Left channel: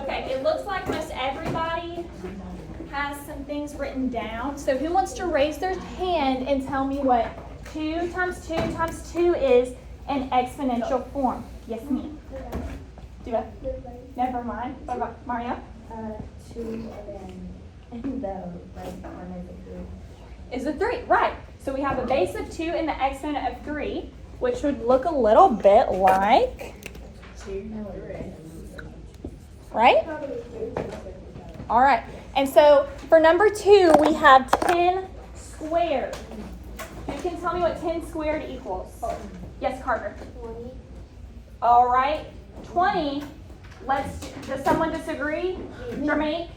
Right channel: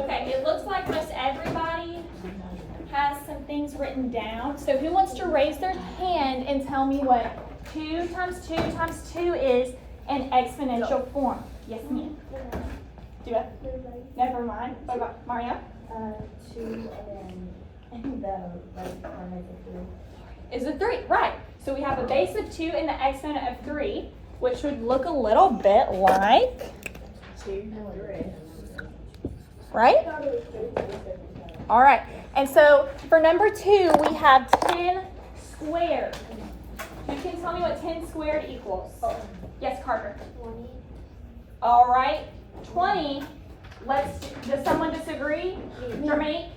Okay, it looks like most everybody has some things written down. So who wants to raise their hand and tell me what 2 times 2 times 2 is in exponential form? Yes, ma'am. Do it. Never mind. What about Mario? 2 and then the right one is a 3. Is a 3, right. So we have a base of 2 and the exponent of 3, which would look a little bit like 2, 3. Right? All right. And so for number 2, we have 10 squared. You can tell me what 10 squared equals. Yes, Carter. 20. All right. 20. Does someone disagree? Jermaine?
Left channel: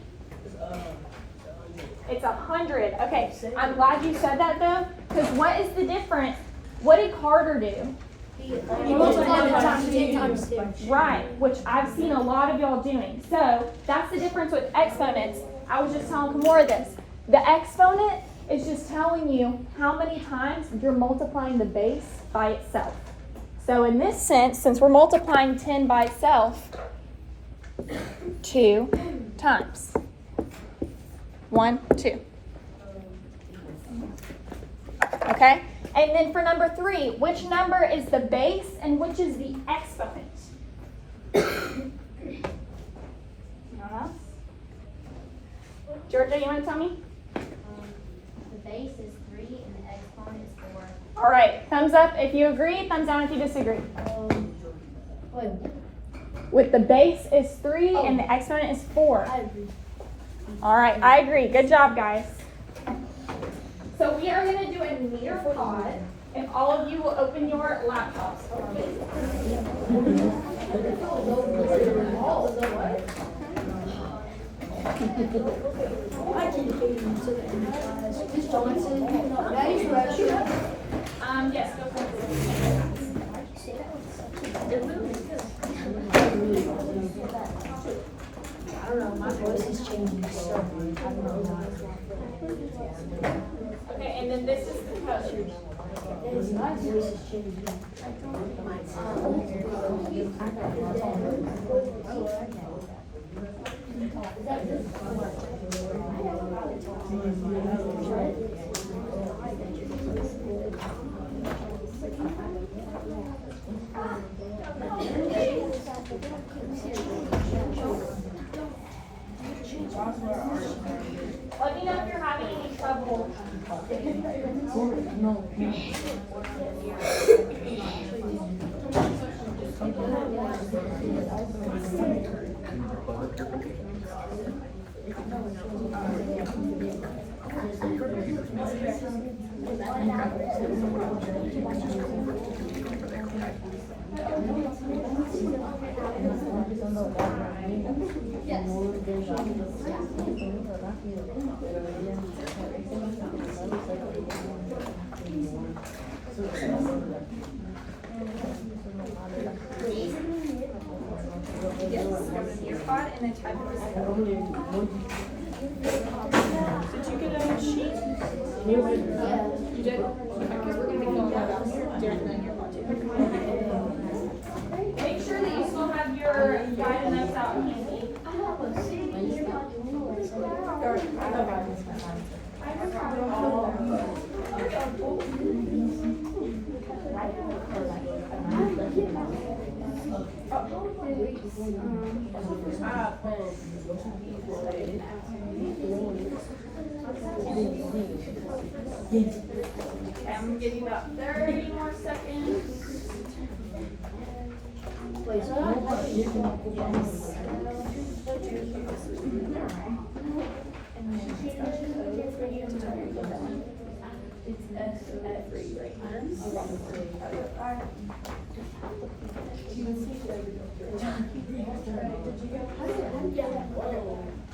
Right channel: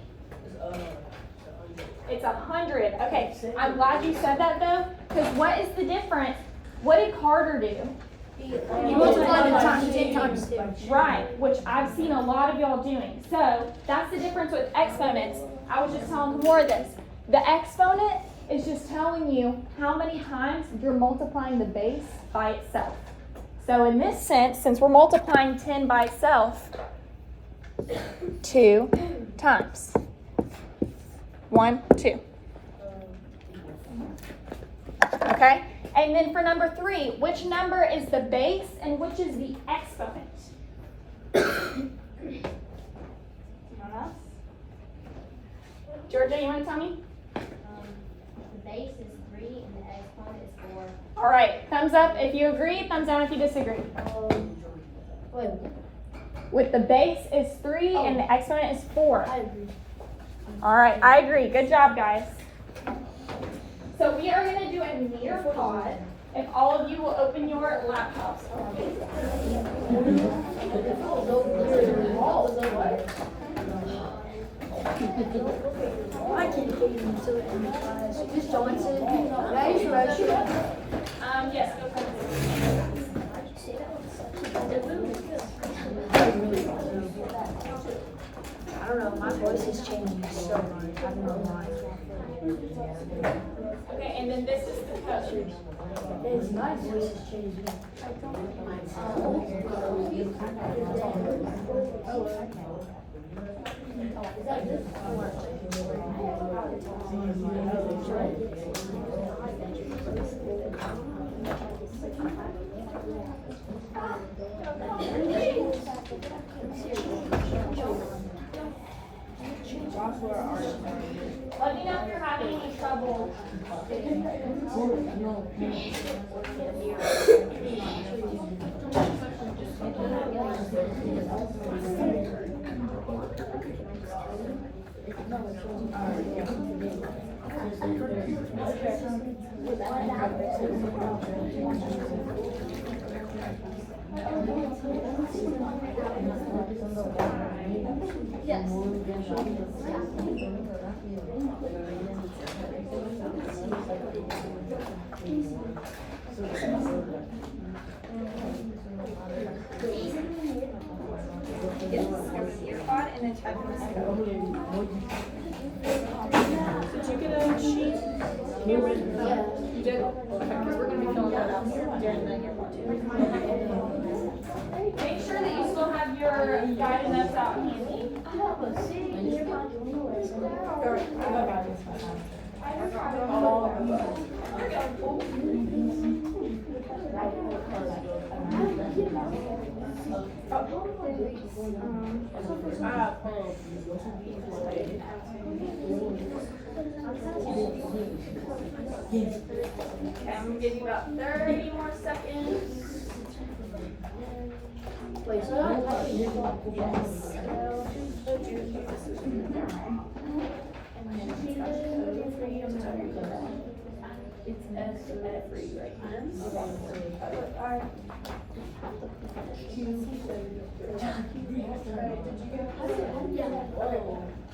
It's 100. Okay. I'm glad you said that though, because what is the difference? What did Carter do? He multiplied it times 10 times 6. Right, which I've seen a lot of y'all doing. So that's the difference with exponents. I was just telling more of this. The exponent is just telling you how many times you're multiplying the base by itself. So in this sense, since we're multiplying 10 by itself, 2 times. 1, 2. Okay? And then for number 3, which number is the base and which is the exponent? Georgia, you want to tell me? The base is 3 and the exponent is 4. All right, thumbs up if you agree, thumbs down if you disagree. With the base is 3 and the exponent is 4. I agree. All right, I agree. Good job, guys. So we are going to do a meter pod. If all of you will open your laptops. Yes, go ahead. I don't know, my voice is changing so much. Okay, and then this is the code. My voice is changing. Let me know if you're having any trouble. Yes, go to your pod and then type in this code. Did you get a sheet? Yeah. You did? Okay, because we're going to be filling that out during the year pod too. Make sure that you still have your guided notes out handy. Okay, I'm going to give you about 30 more seconds. Wait, so yes. And then she's got code for you. It's every right here. Did you get it? Yeah.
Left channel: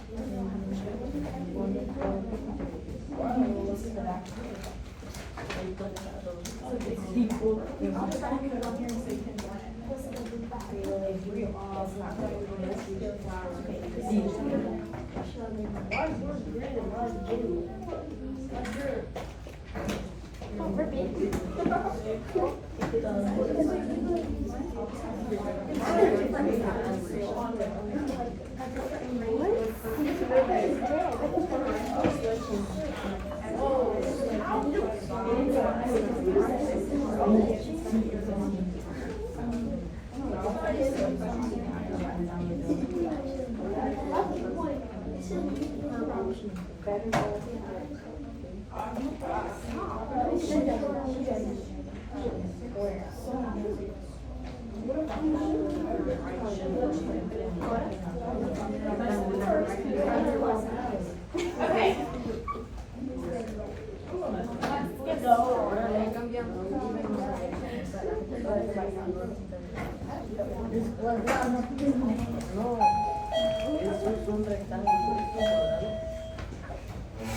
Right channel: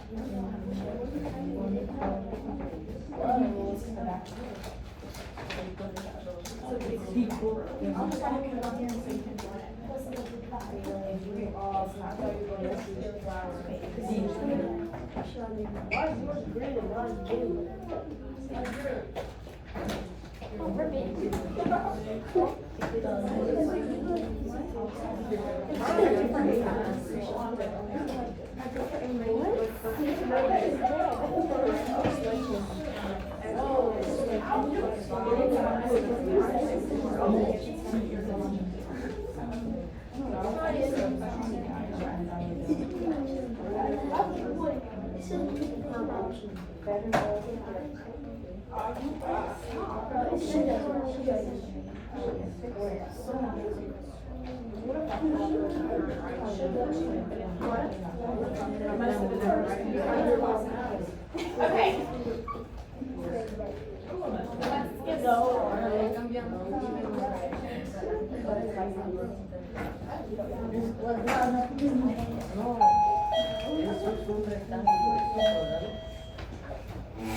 Okay.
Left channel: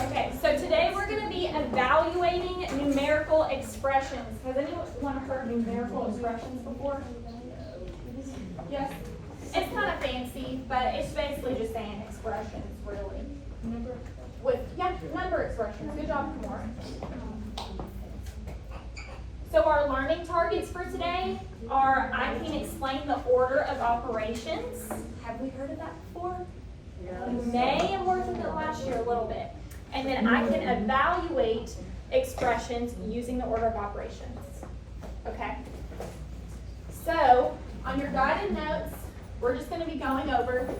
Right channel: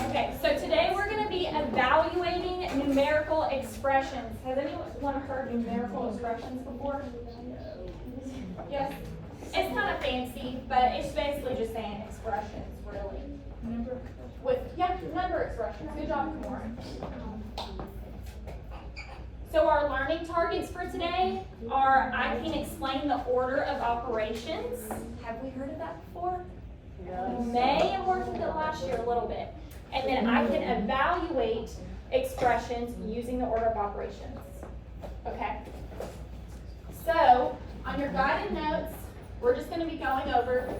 Okay, so today we're going to be evaluating numerical expressions. Has anyone heard numerical expressions before? Yes? It's kind of fancy, but it's basically just saying expressions, really. Number expressions. Good job, Lauren. So our learning targets for today are I can explain the order of operations. Have we heard of that before? Yes. You may have worked with it last year a little bit. And then I can evaluate expressions using the order of operations. Okay? So, on your guided notes, we're just going to be going over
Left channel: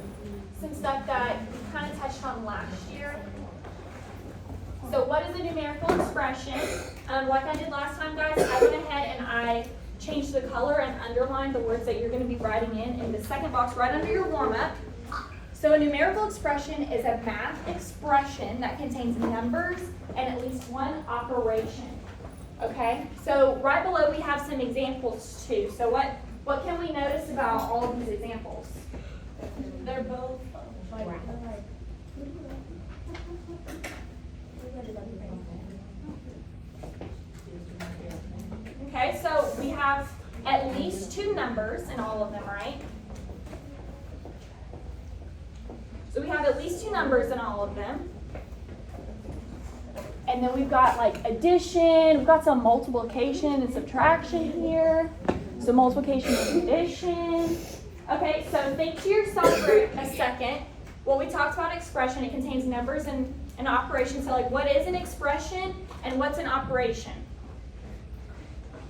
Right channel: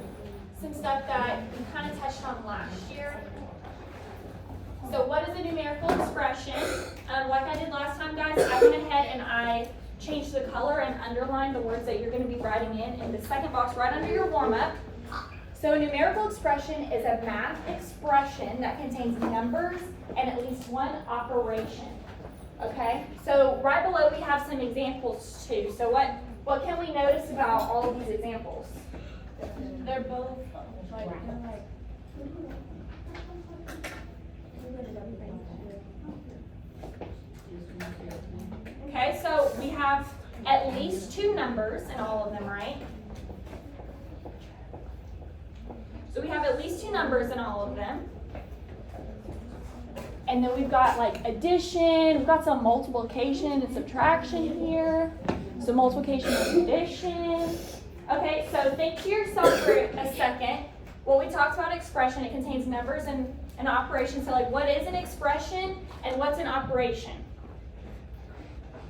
some stuff that you kind of touched on last year. So what is a numerical expression? Like I did last time, guys, I went ahead and I changed the color and underlined the words that you're going to be writing in the second box right under your warm-up. So a numerical expression is a math expression that contains numbers and at least one operation. Okay? So right below we have some examples too. So what can we notice about all of these examples? They're both Okay, so we have at least two numbers in all of them, right? So we have at least two numbers in all of them. And then we've got like addition, we've got some multiplication and subtraction here. So multiplication and addition. Okay, so think to yourself for a second. Well, we talked about expression. It contains numbers and an operation. So like what is an expression and what's an operation?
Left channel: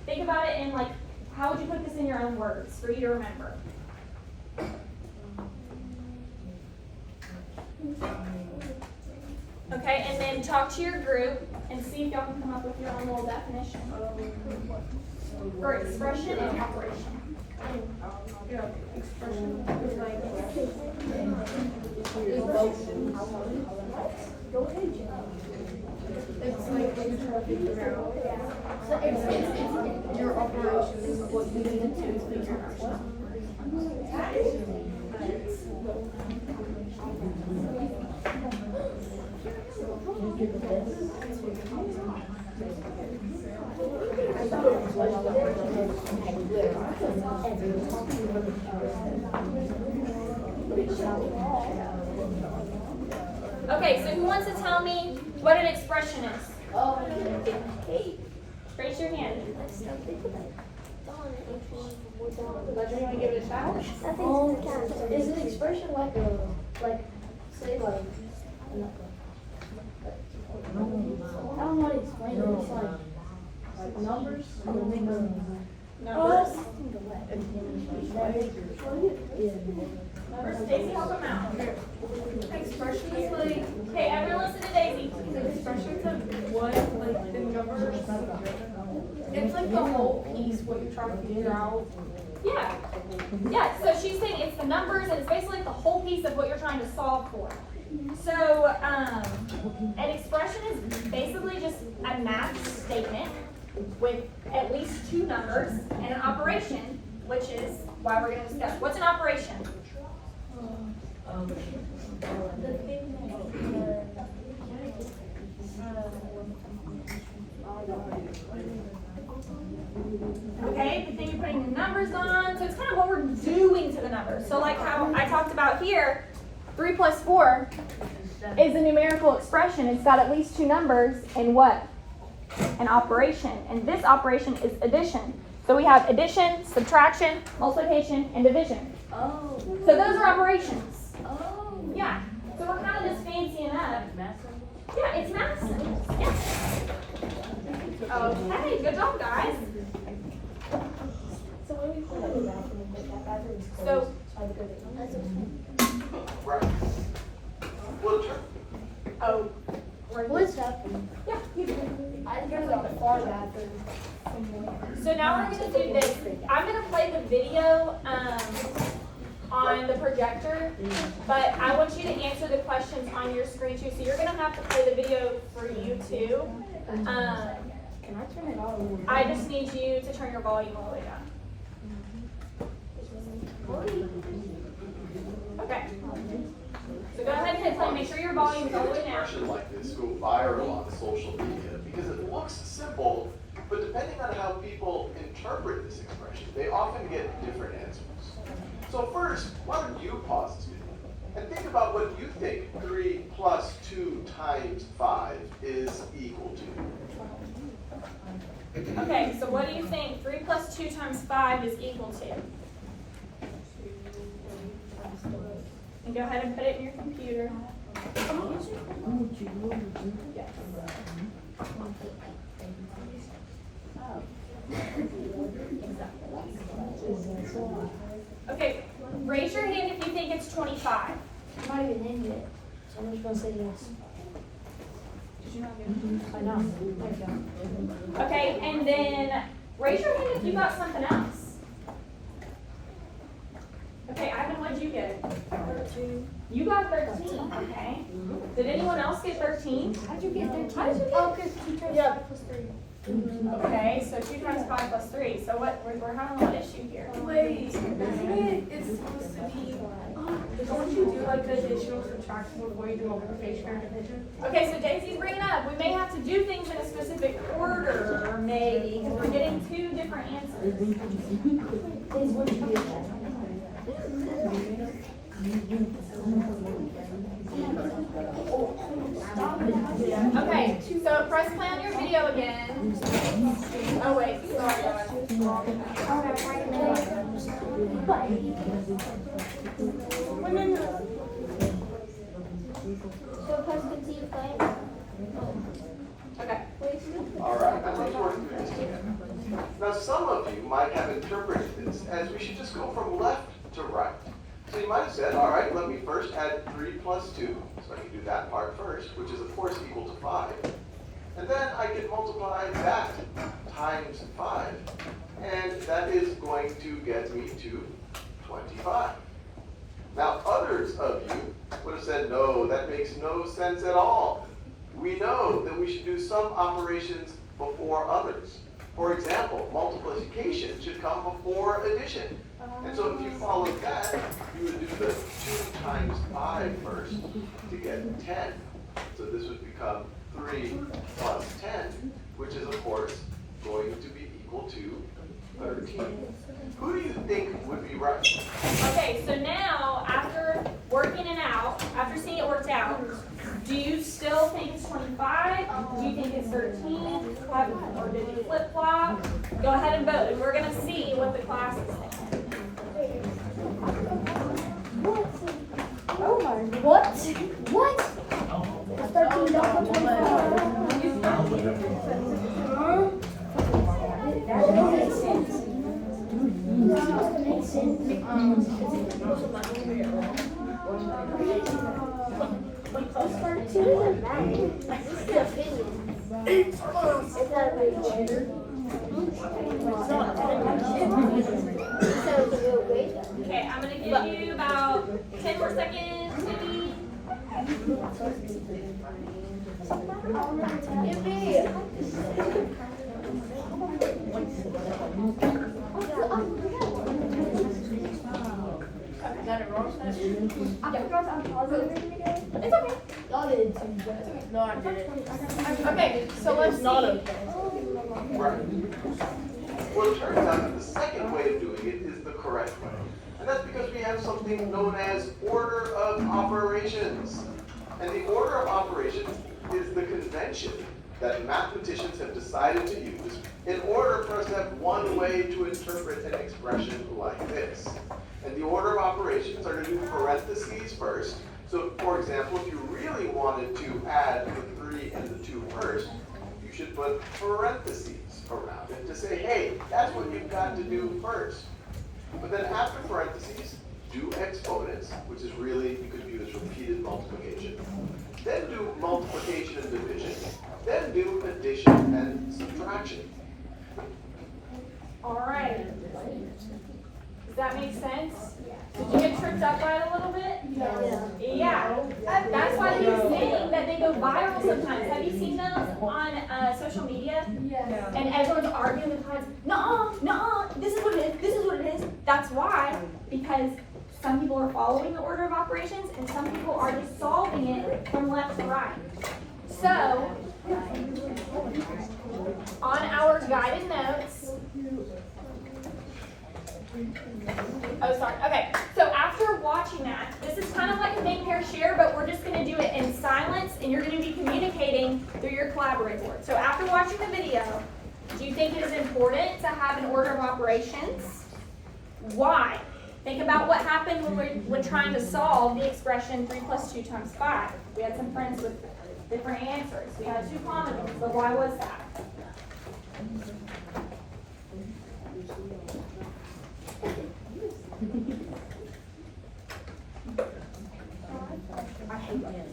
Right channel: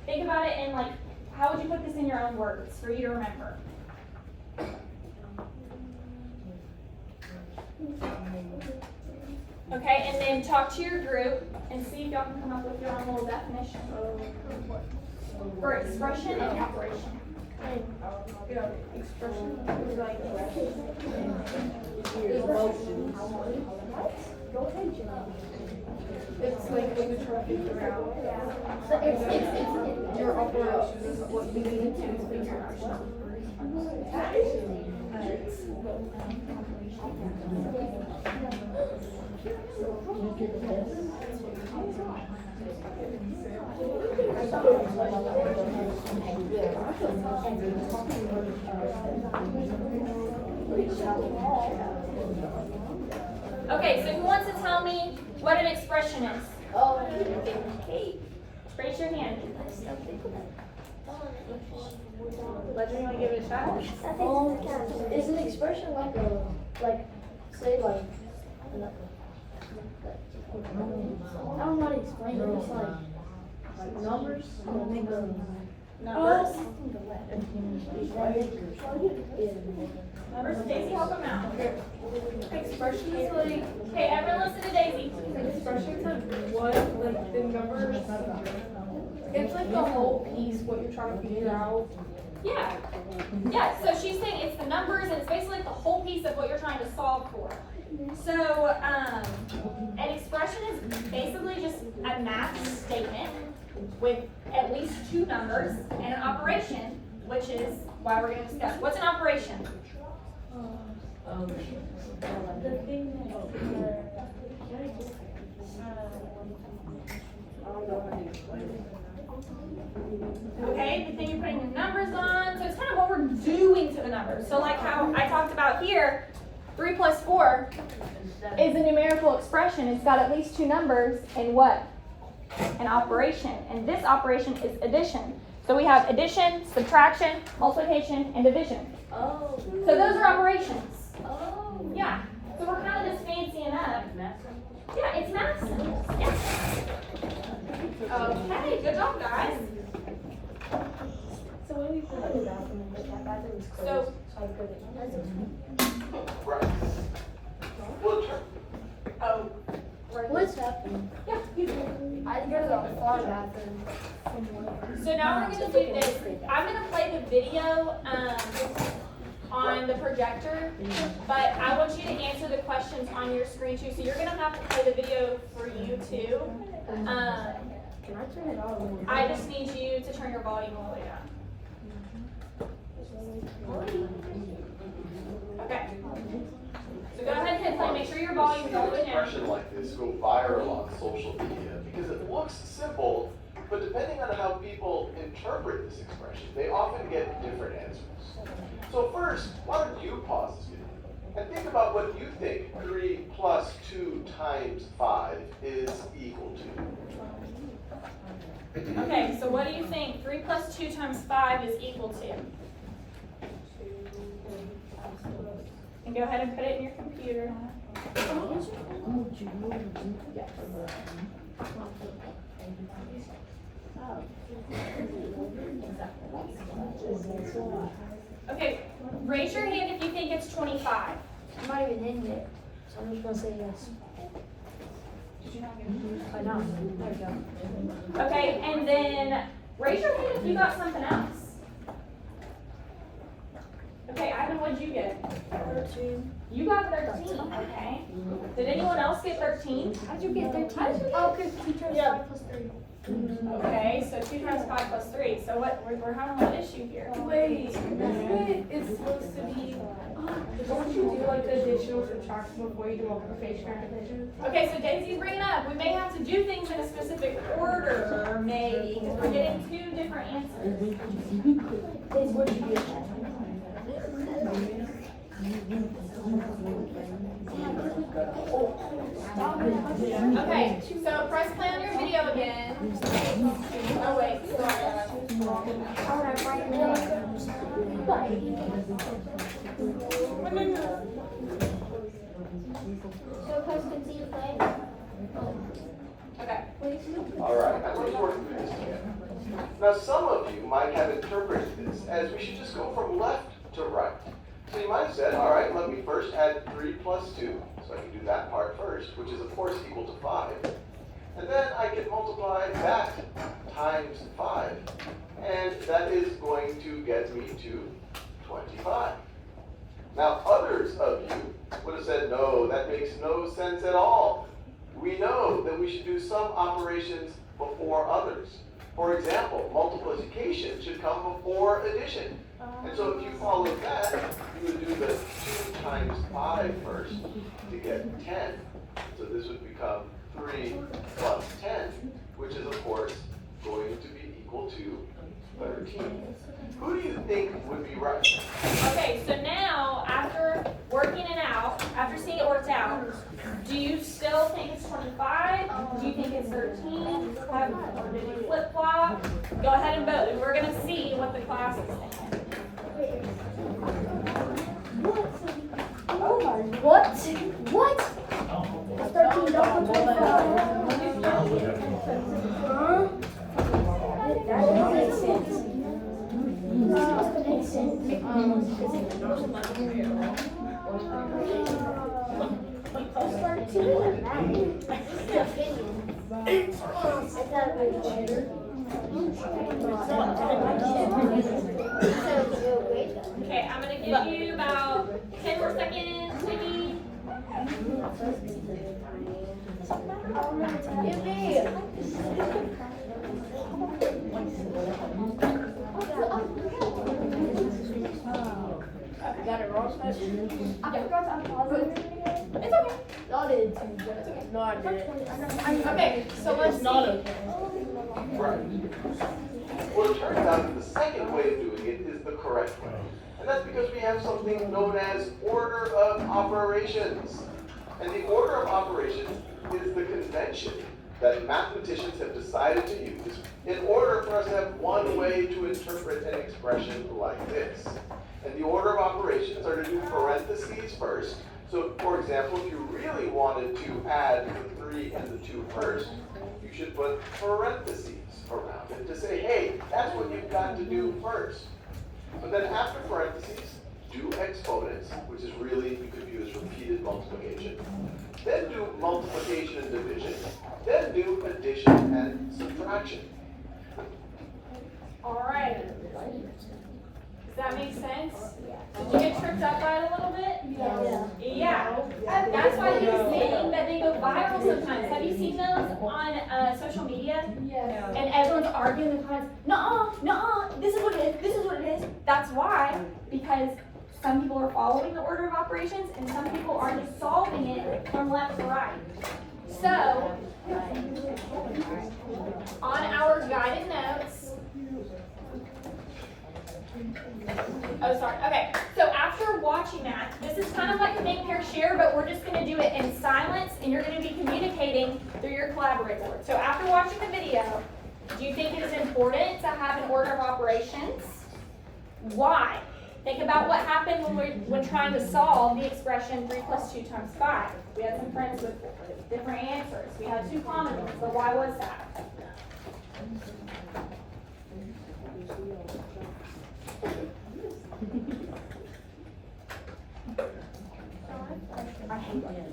Think about it in like, how would you put this in your own words for you to remember? Okay, and then talk to your group and see if y'all can come up with your own little definition for expression and operation. Expression is like it's like when you're trying to figure out. So it's your operation is what you need to do to figure out. Okay, so who wants to tell me what an expression is? Raise your hand. Is an expression like I don't know how to explain it. It's like numbers. Numbers. Numbers. Daisy, help them out. Expression is like. Hey, everyone listen to Daisy. Expressions of what, like the numbers. It's like the whole piece, what you're trying to figure out. Yeah. Yeah, so she's saying it's the numbers, and it's basically like the whole piece of what you're trying to solve for. So, an expression is basically just a math statement with at least two numbers and an operation, which is why we're going to discuss. What's an operation? Okay, the thing you're putting the numbers on, so it's kind of what we're doing to the numbers. So like how I talked about here, 3 plus 4 is a numerical expression. It's got at least two numbers and what? An operation. And this operation is addition. So we have addition, subtraction, multiplication, and division. Oh. So those are operations. Oh. Yeah. So we're kind of just fancying up. Yeah, it's math. Yeah. Okay, good job, guys. So what do we put in the bathroom? So, Right. Well, oh, What's happening? yeah, you do. I there's a far bathroom. So now we're going to do this. I'm going to play the video on the projector, but I want you to answer the questions on your screen too. So you're going to have to play the video for you too. Can I turn it on? I just need you to turn your volume all the way down. Okay. So go ahead and hit play. Make sure your volume is all the way an down. expression like this go viral on social media because it looks simple, but depending on how people interpret this expression, they often get different answers. So first, why don't you pause this video and think about what you think 3 plus 2 times 5 is equal to. Okay, so what do you think 3 plus 2 times 5 is equal to? And go ahead and put it in your computer. Okay, raise your hand if you think it's 25. I'm not even in yet, so I'm just gonna say yes. Did you not hear? I know. There you go. Okay, and then raise your hand if you got something else. Okay, Ivan, what did you get? 13. You got 13, okay. Did anyone else get 13? How'd you get 13? Oh, because 2 times 5 plus 3. Okay, so 2 times 5 plus 3. So what, we're having one issue here. Wait, isn't it's supposed to be, don't you do like the addition or subtraction before you do multiplication or division? Okay, so Daisy's bringing up, we may have to do things in a specific order, maybe, because we're getting two different answers. Days, what did you get? Okay, so press play on your video again. Oh wait, sorry. Oh, that's right. Okay. All right, let's work through this together. Now, some of you might have interpreted this as we should just go from left to right. So you might have said, all right, let me first add 3 plus 2, so I can do that part first, which is of course equal to 5. And then I can multiply that times 5, and that is going to get me to 25. Now, others of you would have said, no, that makes no sense at all. We know that we should do some operations before others. For example, multiplication should come before addition. And so if you followed that, you would do the 2 times 5 first to get 10. So this would become 3 plus 10, which is of course going to be equal to 13. Who do you think would be right? Okay, so now, after working it out, after seeing it worked out, do you still think it's 25? Do you think it's 13? Or did you flip-flop? Go ahead and vote, and we're going to see what the class is thinking. What? What? It's 13, don't put 25. Huh? That doesn't make sense. It's supposed to make sense. It's 13. Is that a cheater? give you about 10 more seconds, maybe. Got it wrong side? It's okay. No, I didn't. Okay, so let's see. Right. Well, it turns out that the second way of doing it is the correct way. And that's because we have something known as order of operations. And the order of operations is the convention that mathematicians have decided to use in order for us to have one way to interpret an expression like this. And the order of operations are to do parentheses first. So, for example, if you really wanted to add the 3 and the 2 first, you should put parentheses around it to say, hey, that's what you've got to do first. But then after parentheses, do exponents, which is really, you could view as repeated multiplication. Then do multiplication and division. Then do addition and subtraction. All right. Does that make sense? Did you get tripped up by it a little bit? Yeah. That's why you're saying that they go viral sometimes. Have you seen those on social media? Yes. And everyone's arguing with friends, no, this is what it is. That's why, because some people are following the order of operations and some people are solving it from left to right. So, on our guided notes, oh, sorry. Okay, so after watching that, this is kind of like the main pair share, but we're just going to do it in silence, and you're going to be communicating through your collaborator. So after watching the video, do you think it is important to have an order of operations? Why? Think about what happened when trying to solve the expression 3 + 2 × 5. We had some friends with different answers. We had 2 common ones, but why was that? I hate that.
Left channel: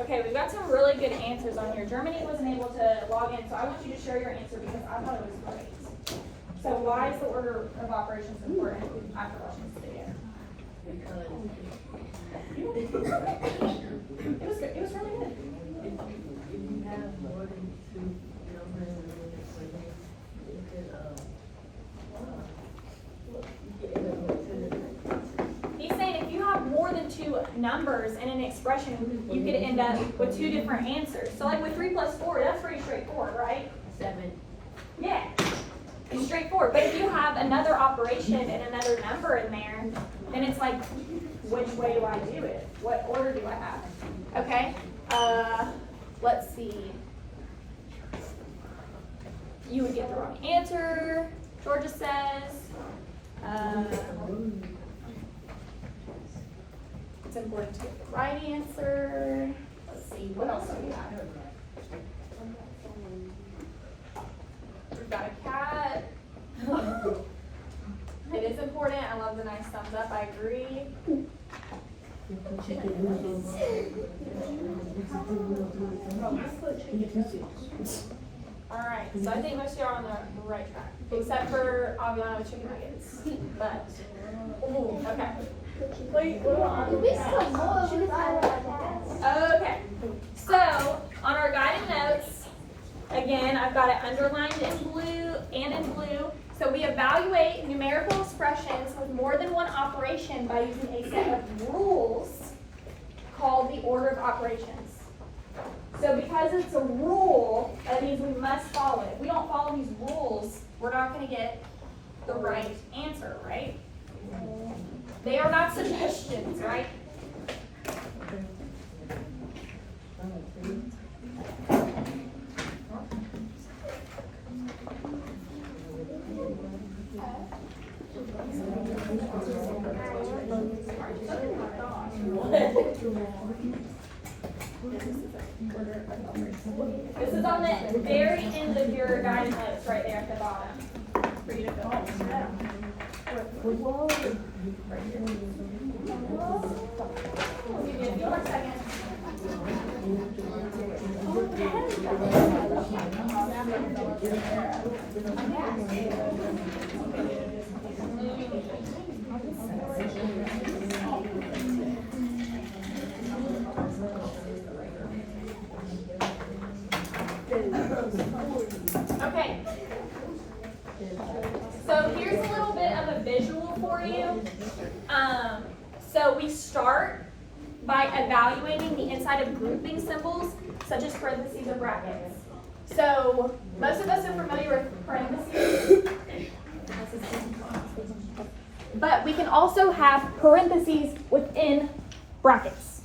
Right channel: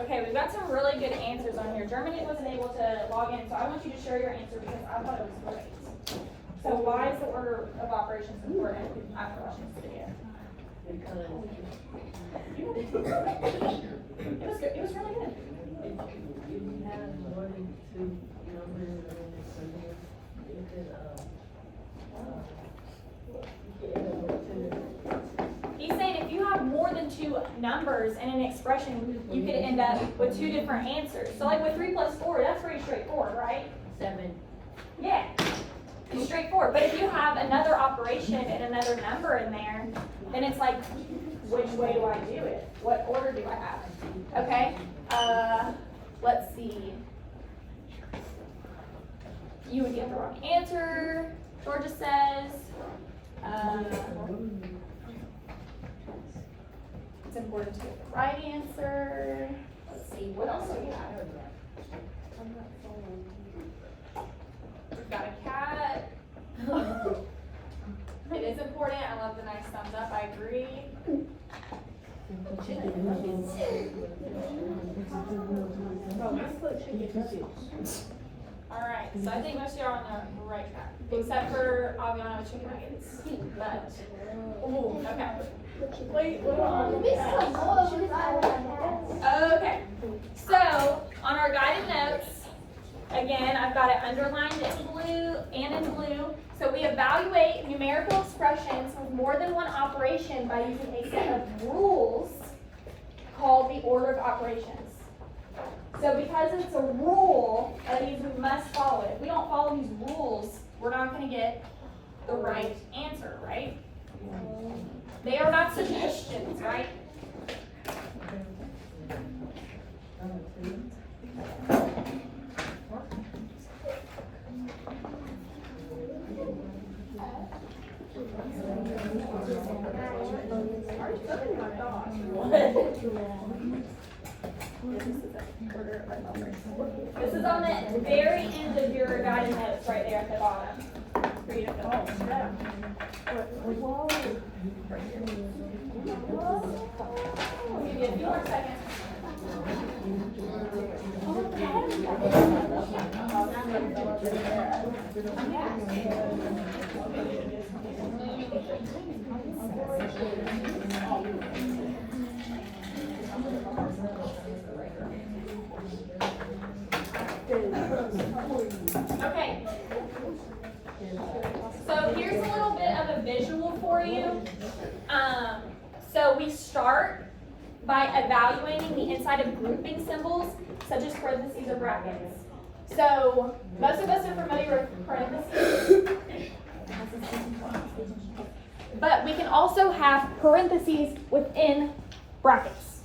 Okay, we've got some really good answers on here. Germany wasn't able to log in, so I want you to share your answer because I thought it was great. So why is the order of operations important after watching this video? It was good. It was really good. He's saying if you have more than 2 numbers in an expression, you could end up with 2 different answers. So like with 3 + 4, that's pretty straightforward, right? 7. Yeah, it's straightforward. But if you have another operation and another number in there, then it's like, which way do I do it? What order do I have? Okay, let's see. You would get the wrong answer, Georgia says. It's important to get the right answer. Let's see, what else do we have? We've got a cat. It is important. I love the nice thumbs up. I agree. All right. So I think most of you are on the right track, except for Aviano Chickens. But okay. Okay. So on our guided notes, again, I've got it underlined in blue and in blue. So we evaluate numerical expressions with more than one operation by using a set of rules called the order of operations. So because it's a rule, that means we must follow it. If we don't follow these rules, we're not going to get the right answer, right? They are not suggestions, right? This is on the very end of your guided notes, right there at the bottom. For you to fill in. I'll give you a few more seconds. Okay. So here's a little bit of a visual for you. So we start by evaluating the inside of grouping symbols, such as parentheses or brackets. So most of us are familiar with parentheses. But we can also have parentheses within brackets.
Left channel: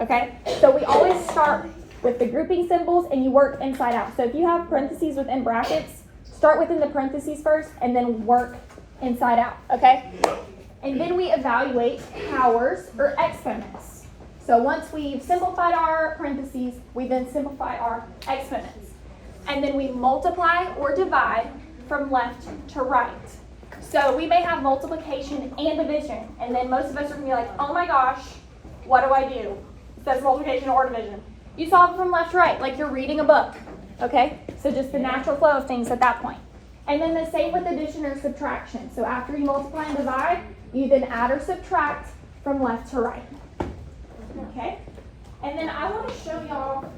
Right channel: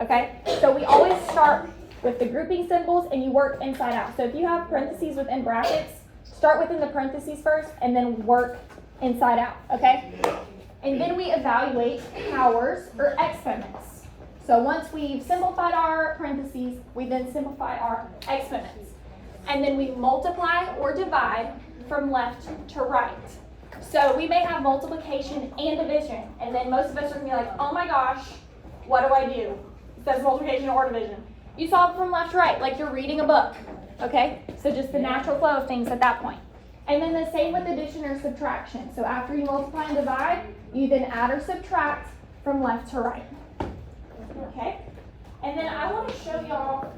Okay? So we always start with the grouping symbols and you work inside out. So if you have parentheses within brackets, start within the parentheses first and then work inside out. Okay? And then we evaluate powers or exponents. So once we've simplified our parentheses, we then simplify our exponents. And then we multiply or divide from left to right. So we may have multiplication and division, and then most of us are going to be like, oh my gosh, what do I do? It says multiplication or division. You solve it from left to right, like you're reading a book, okay? So just the natural flow of things at that point. And then the same with addition or subtraction. So after you multiply and divide, you then add or subtract from left to right. Okay? And then I want to show y'all.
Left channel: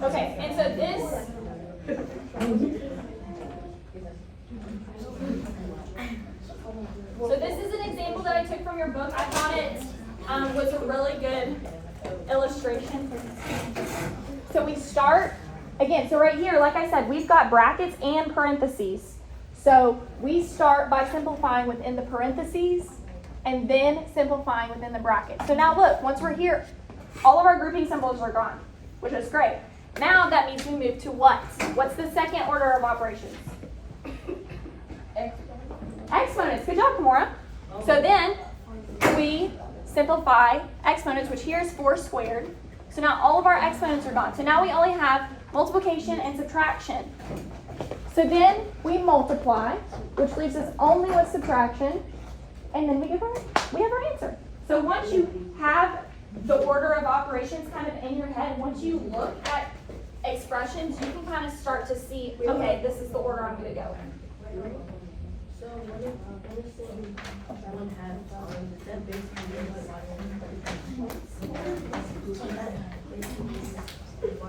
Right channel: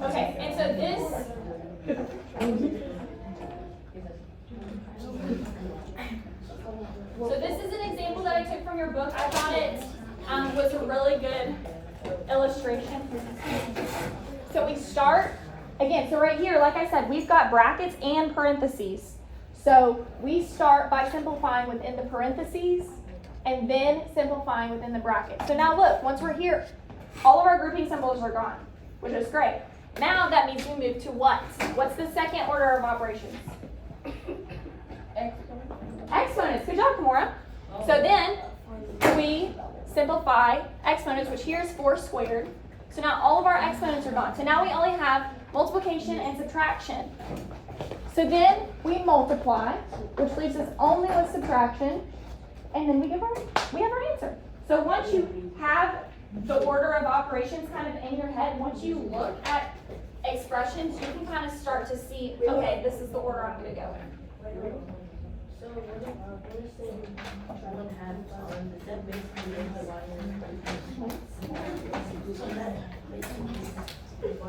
Okay, and so this is an example that I took from your book. I thought it was a really good illustration. So we start, again, so right here, like I said, we've got brackets and parentheses. So we start by simplifying within the parentheses and then simplifying within the brackets. So now look, once we're here, all of our grouping symbols are gone, which is great. Now that means we move to what? What's the second order of operations? Exponents. Good job, Kimora. So then we simplify exponents, which here is 4 squared. So now all of our exponents are gone. So now we only have multiplication and subtraction. So then we multiply, which leaves us only with subtraction, and then we have our answer. So once you have the order of operations kind of in your head, once you look at expressions, you can kind of start to see, okay, this is the order I'm going to go in. Good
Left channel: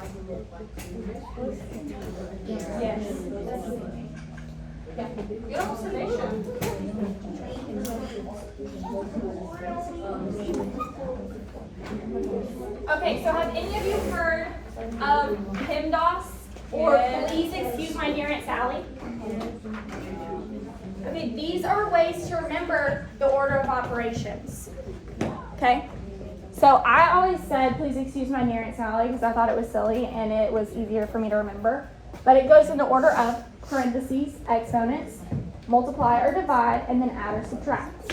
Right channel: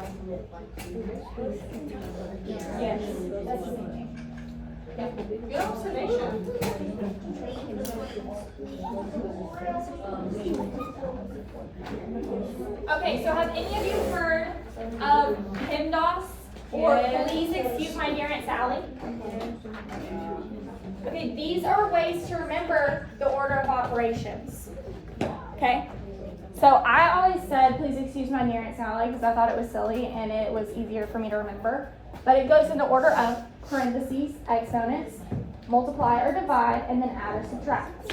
observation. Okay, so have any of you heard of PEMDAS or Please Excuse My Dear Aunt Sally? Okay, these are ways to remember the order of operations. Okay? So I always said, please excuse my dear Aunt Sally, because I thought it was silly and it was easier for me to remember. But it goes in the order of parentheses, exponents, multiply or divide, and then add or subtract.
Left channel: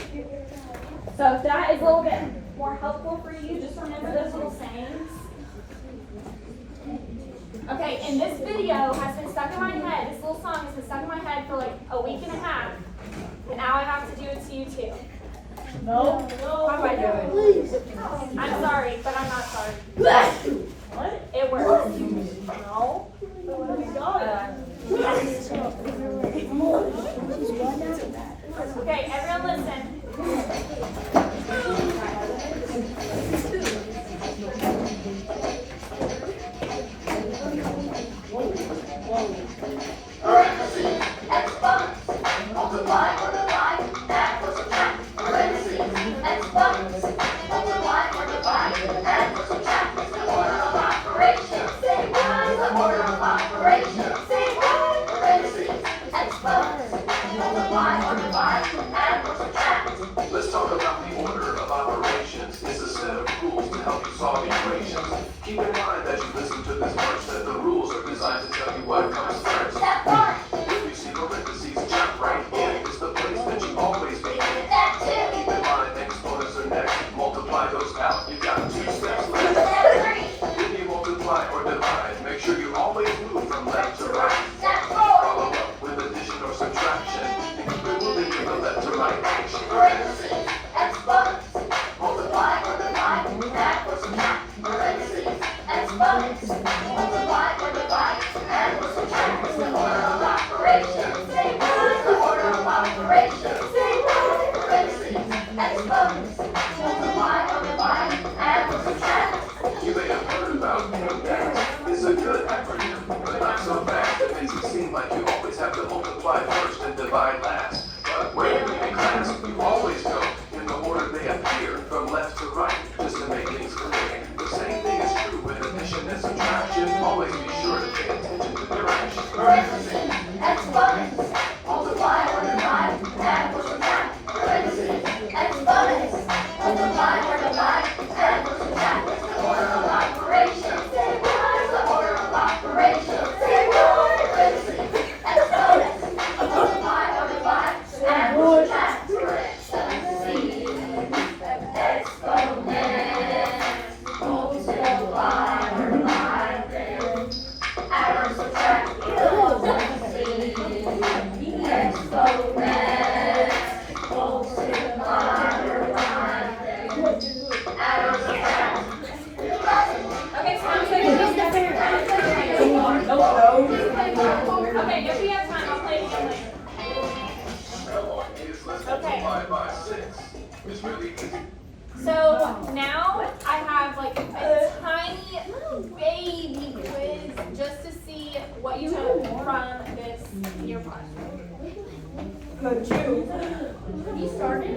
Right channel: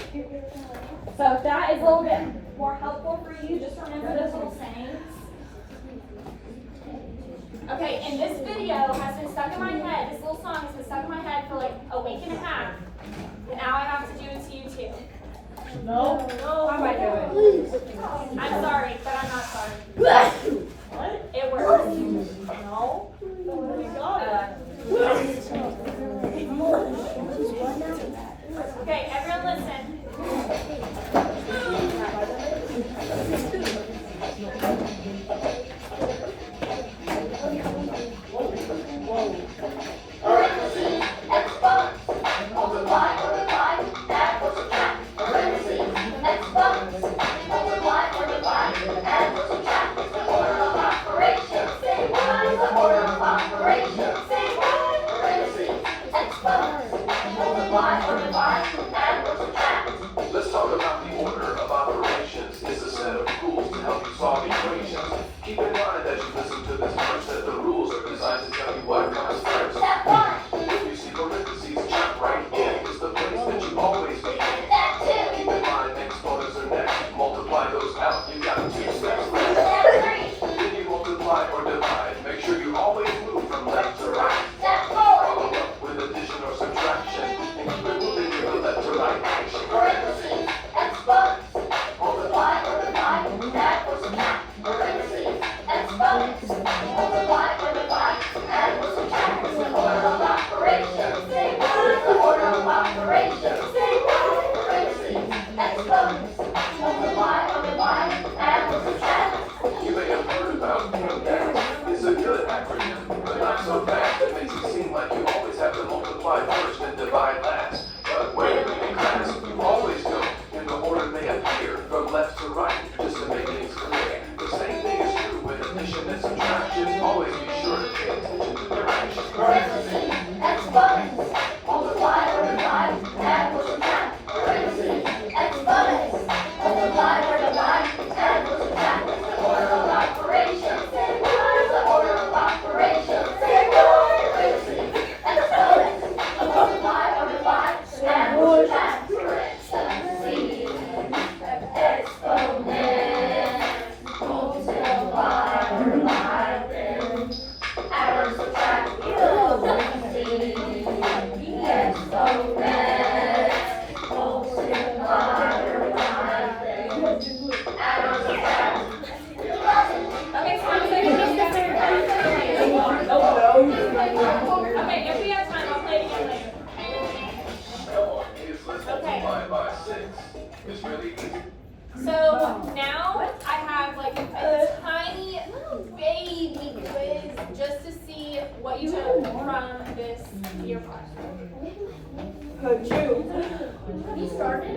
So if that is a little bit more helpful for you, just remember those little sayings. Okay, and this video has been stuck in my head, this little song has been stuck in my head for like a week and a half. Now I have to do it to you too. No. How do I do it? Please. I'm sorry, but I'm not sorry. It works. No. Okay, everyone listen. Parentheses, exponents, multiply or divide, add or subtract. Parentheses, exponents, multiply or divide, add or subtract. It's the order of operations. Say what is the order of operations? Say what? Parentheses, exponents, multiply or divide, add or subtract. Let's talk about the order of operations. It's a set of rules to help you solve equations. Keep in mind as you listen to this verse that the rules are designed to tell you what comes first. If you see parentheses, jump right in. It's the place that you always begin. Keep in mind exponents are next. Multiply those out. You got 2 steps left. When you multiply or divide, make sure you always move from left to right. Follow up with addition or subtraction. And keep it moving from the left to right action. Parentheses, exponents, multiply or divide, add or subtract. Parentheses, exponents, multiply or divide, add or subtract. It's the order of operations. Say what is the order of operations? Say what? Parentheses, exponents, multiply or divide, add or subtract. You may have heard about PEMDAS. It's a good acronym, but not so fast. It makes it seem like you always have to multiply first and divide last. But where in class, you always go in the order they appear, from left to right, just to make things clear. The same thing is true with addition and subtraction. Always be sure to pay attention to direction. Parentheses, exponents, multiply or divide, add or subtract. Parentheses, exponents, multiply or divide, add or subtract. It's the order of operations. Say what is the order of operations? Say what? Parentheses, exponents, multiply or divide, add or subtract. Parentheses, exponents, multiply or divide, add or subtract. Parentheses, exponents, multiply or divide, add or subtract. Okay, so I'm saying. Okay, if we have time, I'll play it again later. Multiply by 6. It's really easy. So now I have like a tiny baby quiz just to see what you took from this year question. You started?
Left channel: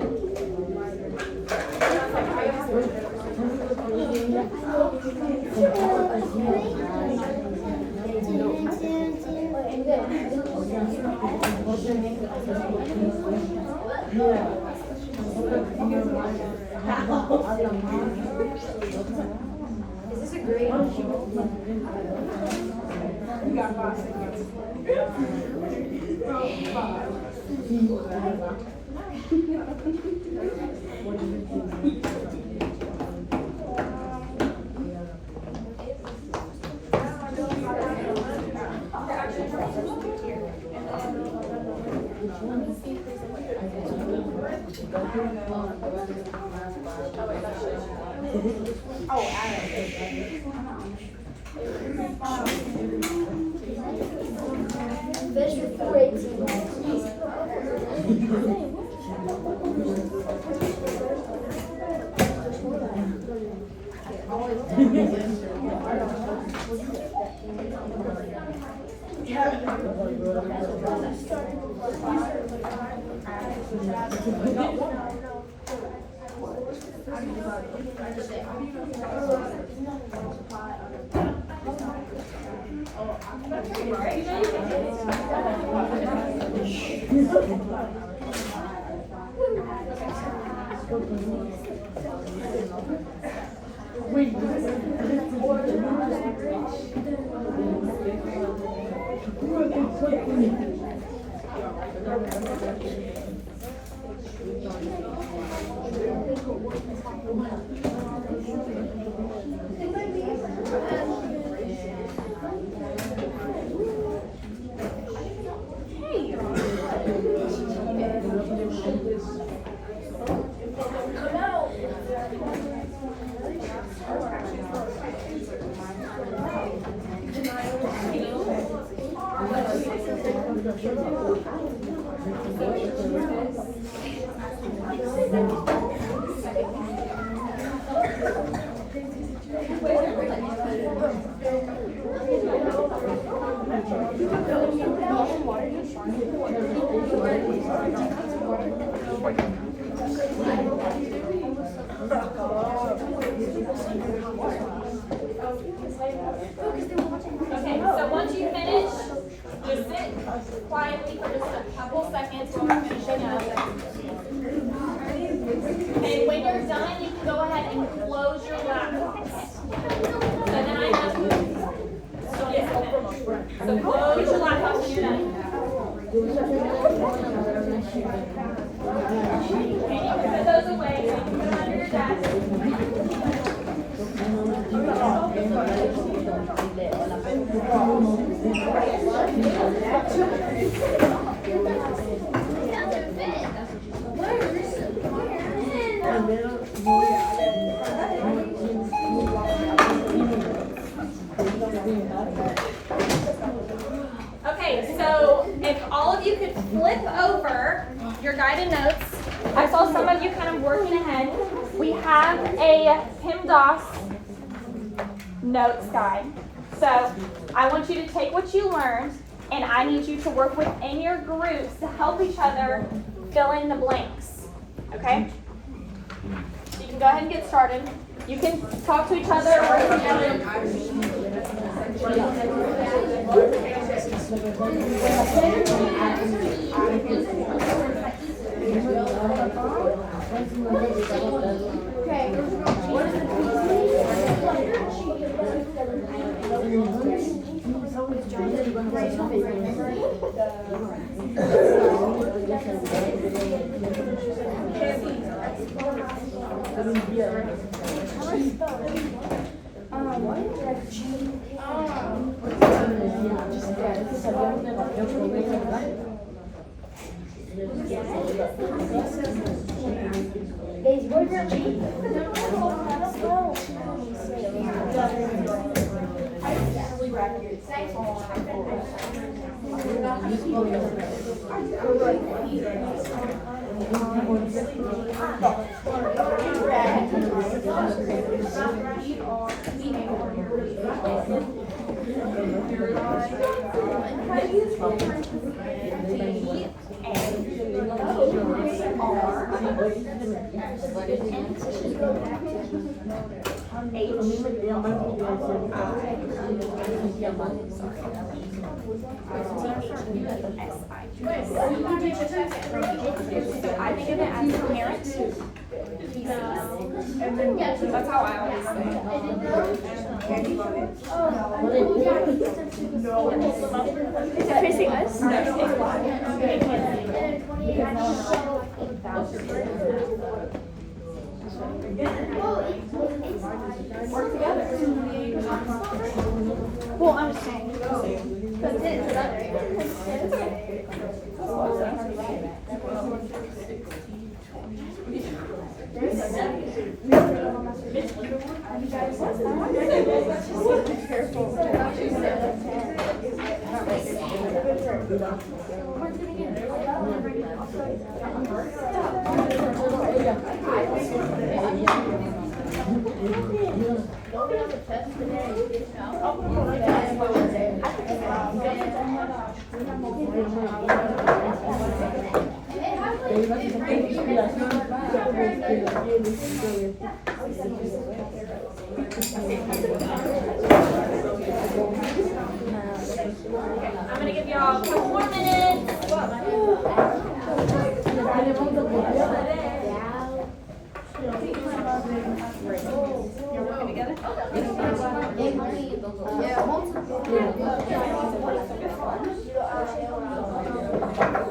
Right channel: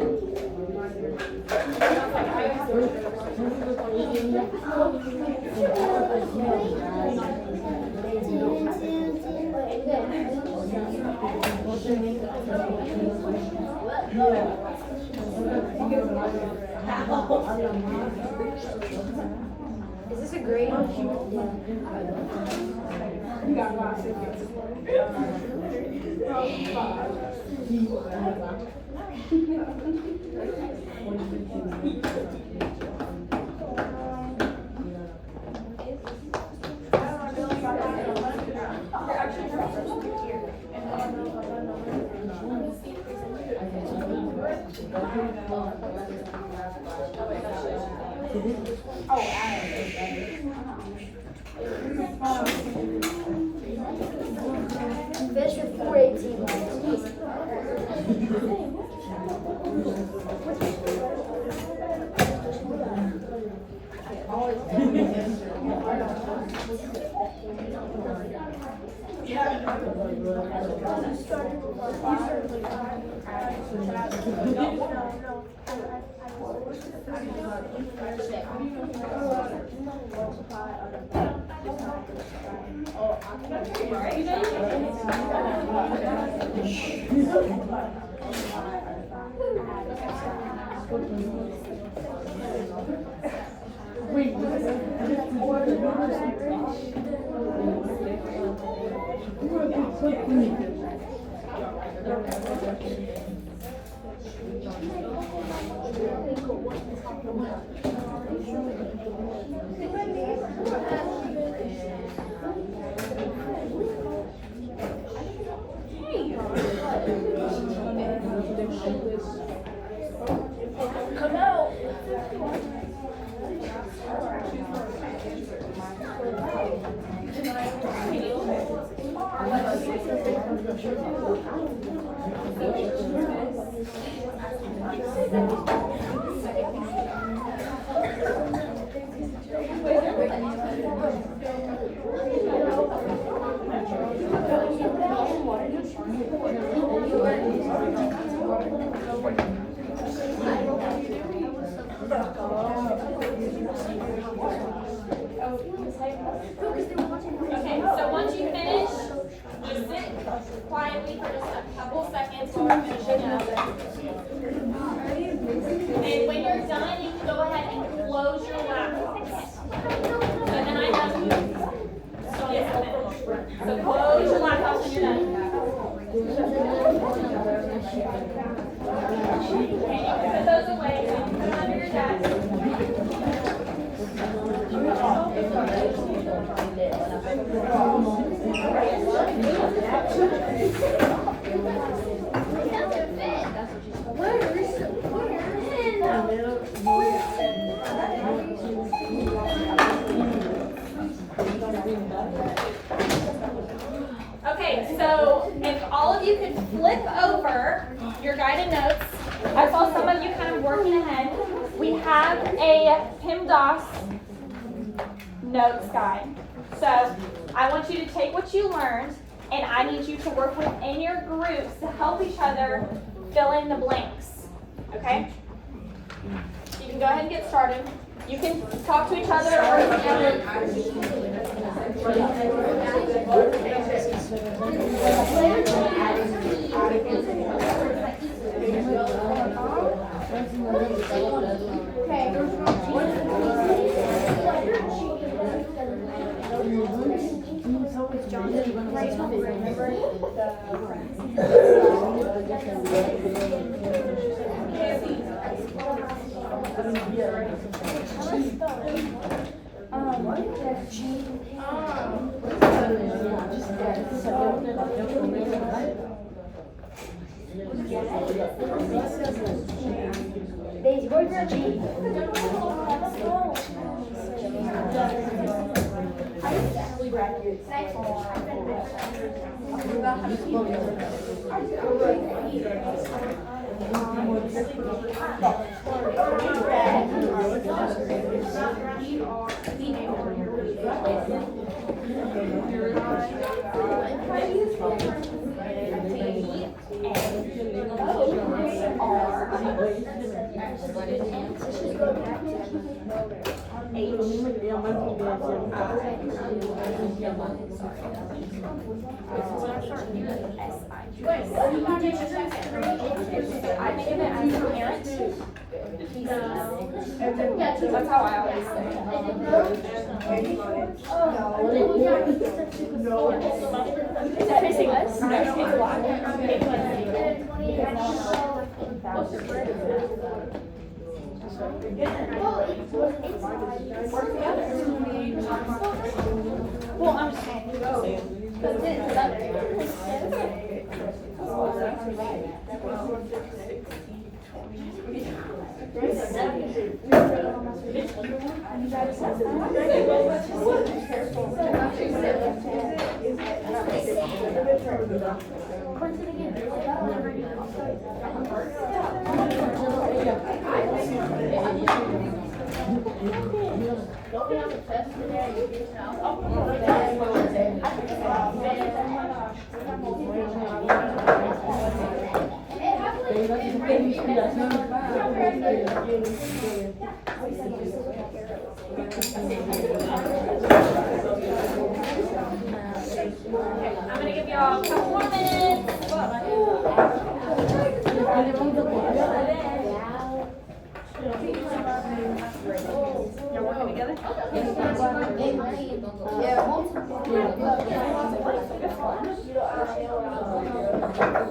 Is this a grade? Fish with 418. Okay, so once you finish, just sit quietly for just a couple seconds while we're finishing up. Okay, when you're done, you can go ahead and close your laptops. So then I have, so close your laptops when you're done. Okay, you can put those away so you can put them under your desk. Okay, so if all of you could flip over your guided notes, I saw some of you kind of working ahead. We have a PIMDOS notes guide. So I want you to take what you learned, and I need you to work within your groups to help each other fill in the blanks. Okay? You can go ahead and get started. You can talk to each other That's how I always say Well, I'm saying. Okay.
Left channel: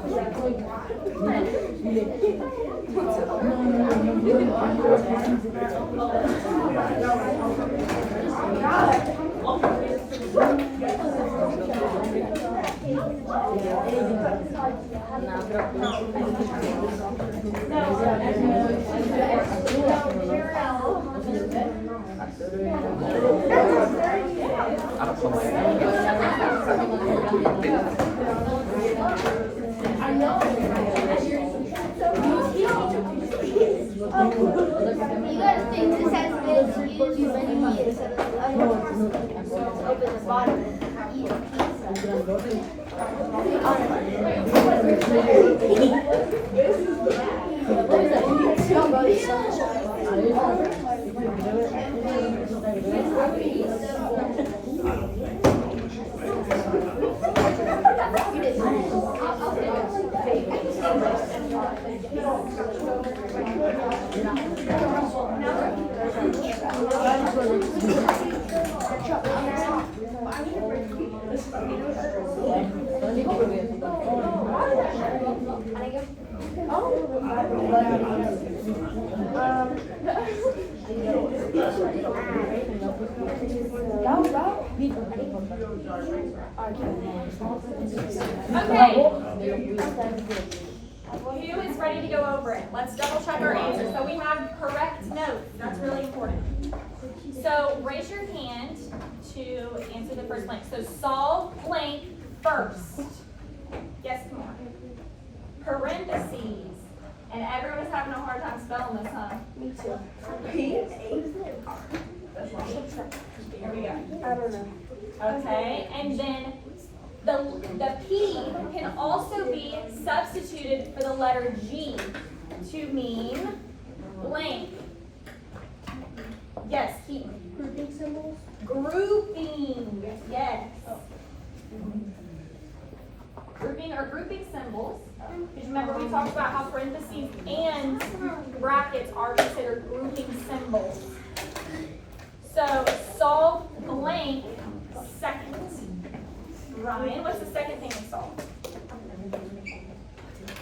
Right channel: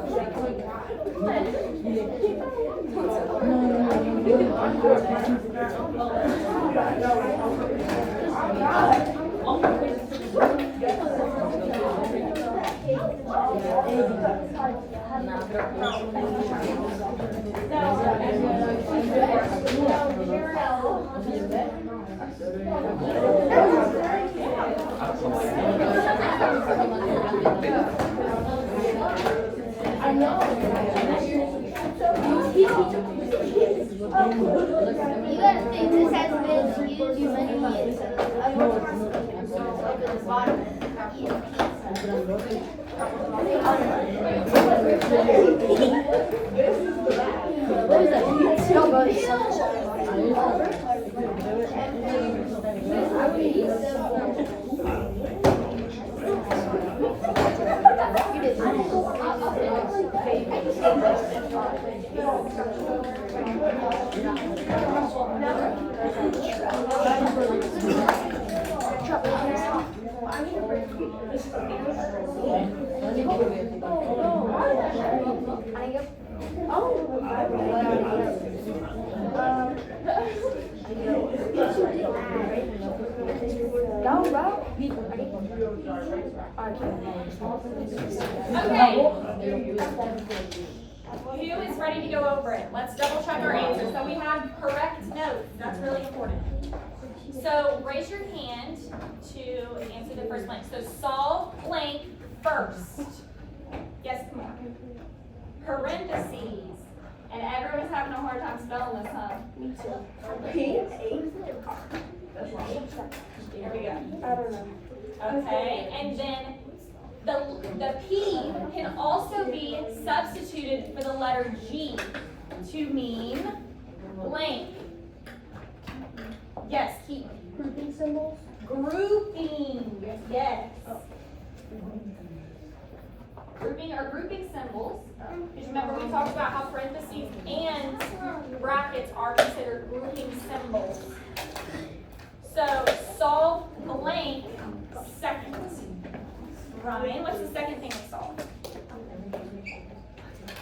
Who is ready to go over it? Let's double check our answers. So we have correct notes. That's really important. So raise your hand to answer the first blank. So solve blank first. Yes, come on. Parentheses. And everyone's having a hard time spelling this, huh? Me too. Here we go. I don't know. Okay, and then the P can also be substituted for the letter G to mean blank. Yes, keep. Grouping symbols? Grouping, yes. Grouping are grouping symbols. Because remember we talked about how parentheses and brackets are considered grouping symbols. So solve blank second. Ryan, what's the second thing to solve?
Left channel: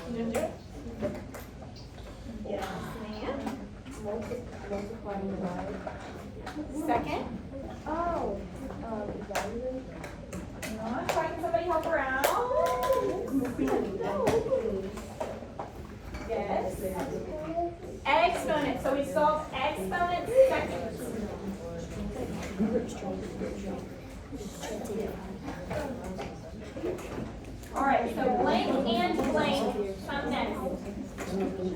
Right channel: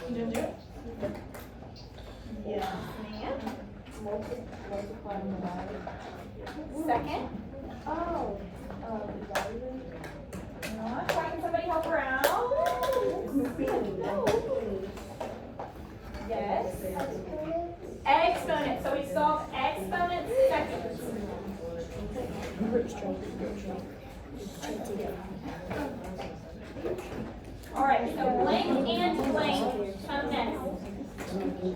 You didn't do it? Yes, ma'am. Multiplying the value. Second. Oh, value. No, I'm trying somebody help around. Yes. Exponent. So we solve exponent second. All right, so blank and blank come next.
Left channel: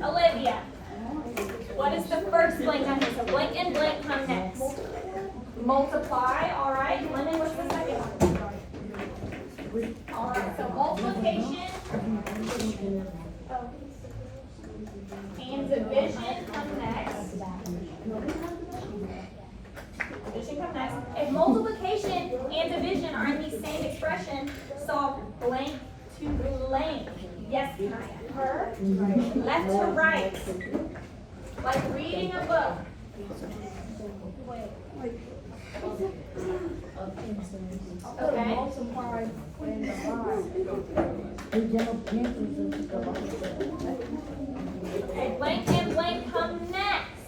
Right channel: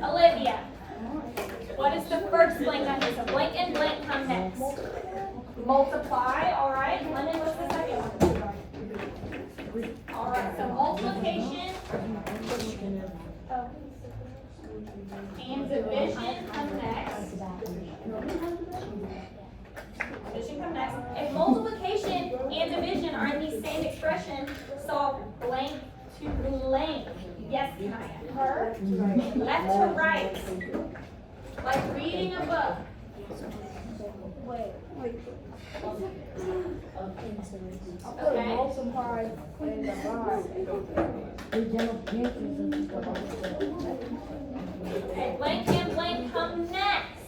Olivia, what is the first blank on here? So blank and blank come next. Multiply, all right. Lemon, what's the second one? All right, so multiplication and division come next. Division come next. If multiplication and division are in the same expression, solve blank to blank. Yes, Kaya. Her, left to right. Like reading a book. Okay. Multiply and divide. And blank come next.